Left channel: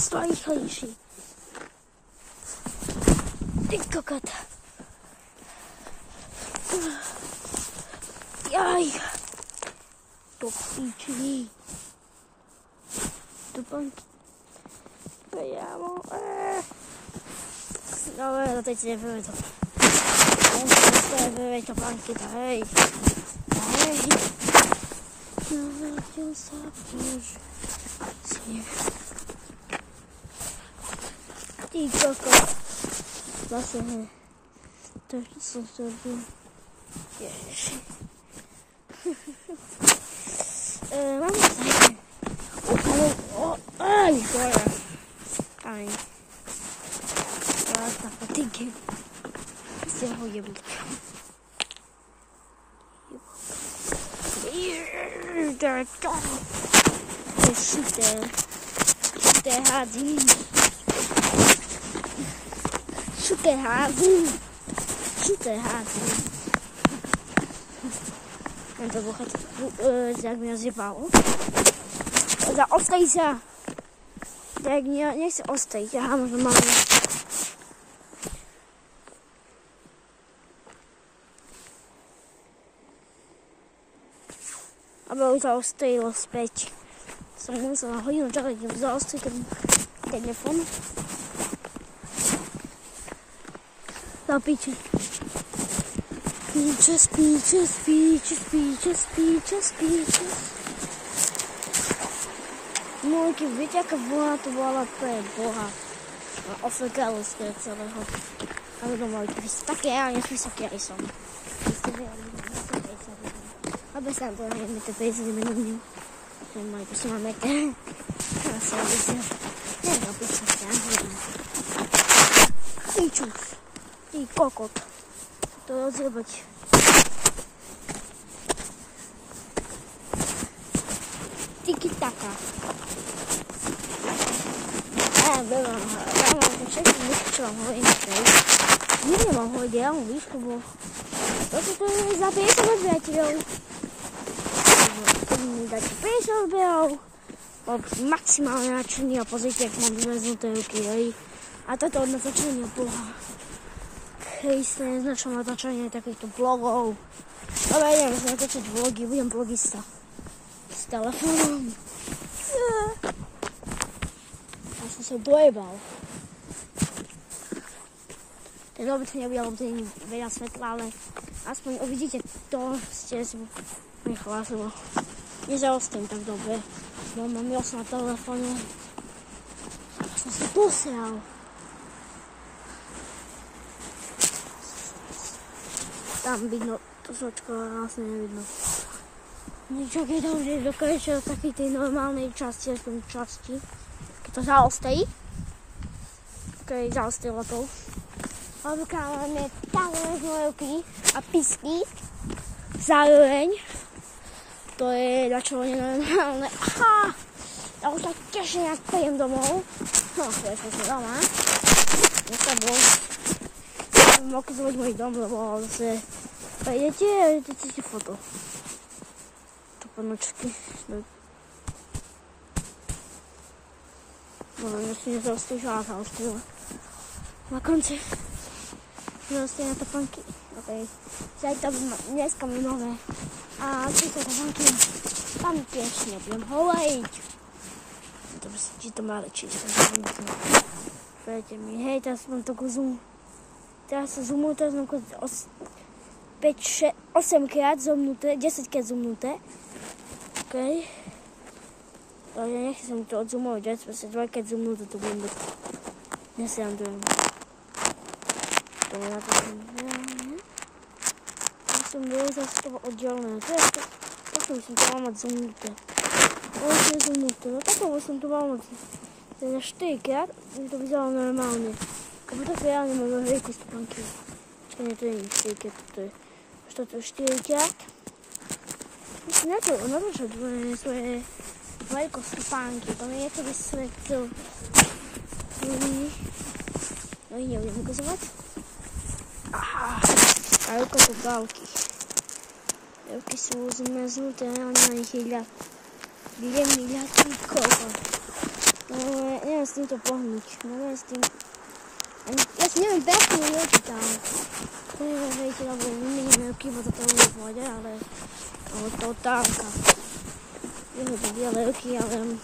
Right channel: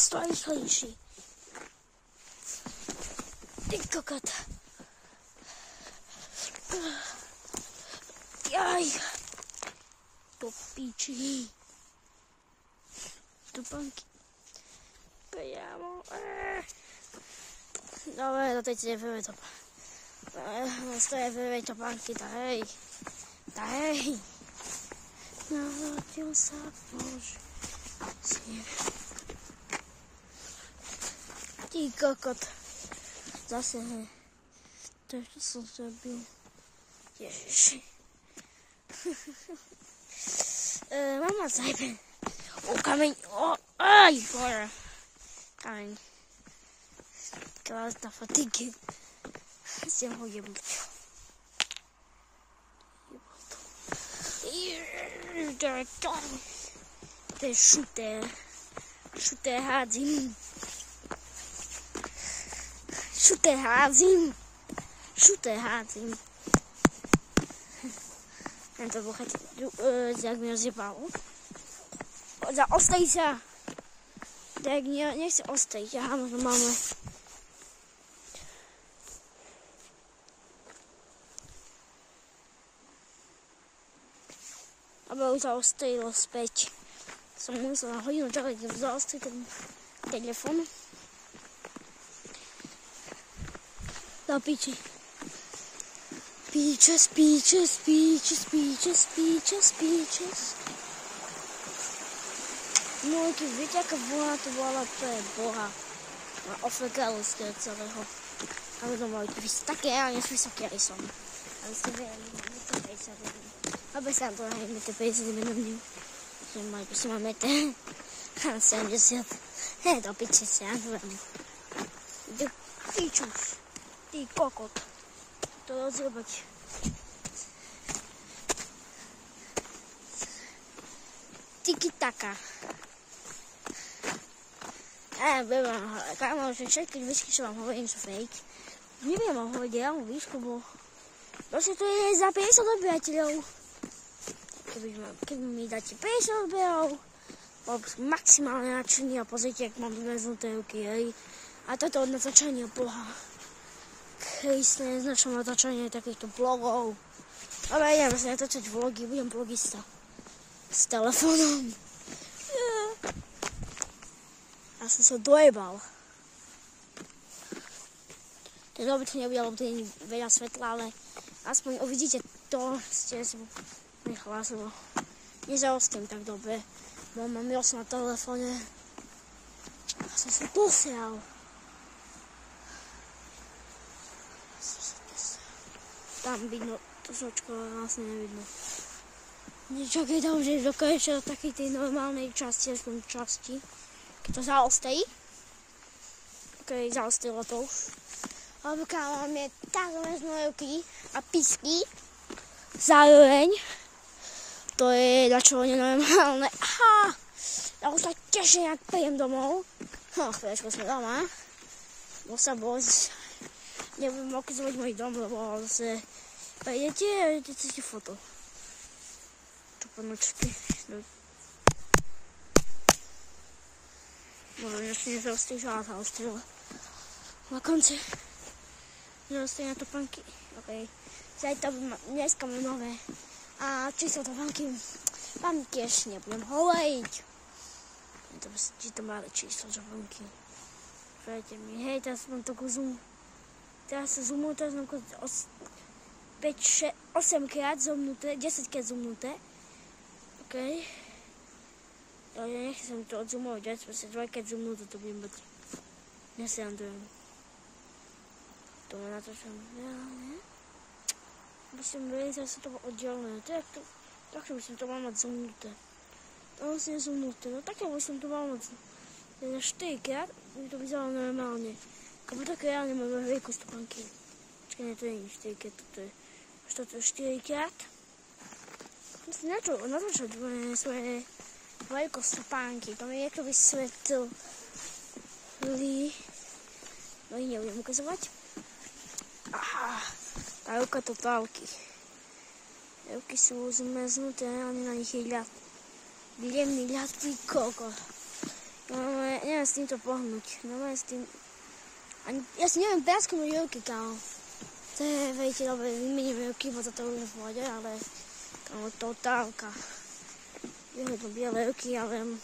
100 rýchlejší. Ty kokot. Jaj. Do píči. Tupánky. Priamo. Dobre, do tej nevieme to. Nevieme to pánky, hej. Hej. Narodil sa pozdne. Ty kokot. Zase, hej. To ešte som zrobil. Ježiši. Mám moc zajde. Kameň. Aj, gore. Kameň. Teraz na fatigue. Si ho jebl. To je šuter. Šuter hádzim. Šuter hádzim. Šuter hádzim. Tento buchet, jak mi ho zjebalo. Ostej sa. Tak nechce ostej. Aha, možno máme. Aby už sa ostojilo späť. Som musel na hodinu čakať, keď zaostrí telefon. Do piči. Speeches. Môjky, viete, aká vlna to bola pre Boha. A ofekali ste od celého. Ale to mali také, ja nesmysl, aký som. Vy ste verili, na to 50 minút. Aby sa to najmä 50 minút. Že mali by som máme 70. Neviem, piča sa, neviem. Pičus. Ty kokot. To rozjebať. Tiki-taka. Ja mám ten všetky výšku, čo vám hovorím. Nikde mám hovoriť reálnu výšku, bo to sú to je za 50 odberateľov. Keď mi dáte 50 odberov, bol maximálne nadšený a pozrite, ak mám zväznuté ruky, hej. A toto od natáčania Boha. Kristne, neznačné natáčanie takýchto vlogov. Dobre, idem sa natáčať vlogy, budem vlogista. S telefónom. Ja som sa dojebal. Teď obyčne nebude, lebo to nie je veľa svetla, ale aspoň uvidíte to, ste si nechlas, lebo nezaostím tak dobre. Bo mám jos na telefóne. Som sa posial. Tam vidno to sočko, ale vlastne nevidno. Nečakaj tam, že dokážeš do takej tej normálnej časti, aspoň časti. To zaostejí. To je zaostilo to už. Ale máme takové znojevky a písky. Zároveň. To je načovanie normálne. Aha! Ja už sa teším, ak príjem domov. No, chvíľačko som doma. Ja sa bož. Ja by mohol ukazovať môj dom, lebo zase prejdete a idete foto. To ponočky. Možno ešte nezaostíš, ale zaostíš. Na konci. Zaostíš na topánky. OK. Dneska mám nové. A či sa topánky. Tam tiež nebudem hovoriť. Či to má číslo. Poďte mi. Hej, teraz mám takú zoom. Teraz sa zoomujú, teraz mám 8 krát zoomnuté, 10 krát zoomnuté. OK. Ale nechci som to odzoomovať, ja som si dvojkrát zoomnúť, to budem byť. Nesrandujem. To je na to, že musím vyrezať z toho oddelené. Takto musím to mal mať zoomnuté. Ale to je zoomnuté, no takto musím to mal mať. To je na 4 krát, by to vyzeralo normálne. Kabo tak reálne máme veľkú stopánky. Počkaj, nie, to je 4 krát, toto je 4 krát. Musím natáčať svoje veľkosť stopánky, to mi je ako by svetl. No i nebudem ukazovať. Aha, a ruka to dávky. Ruky sú zmrznuté, ale na nich je miliardný kokot. No, neviem s týmto pohnúť. Neviem s tým... Ani... Ja si neviem preknúť oči tam. To je, viete, dobre, vymeníme oky, bo toto už pôjde, ale... to otánka. Je to biele oky, ale...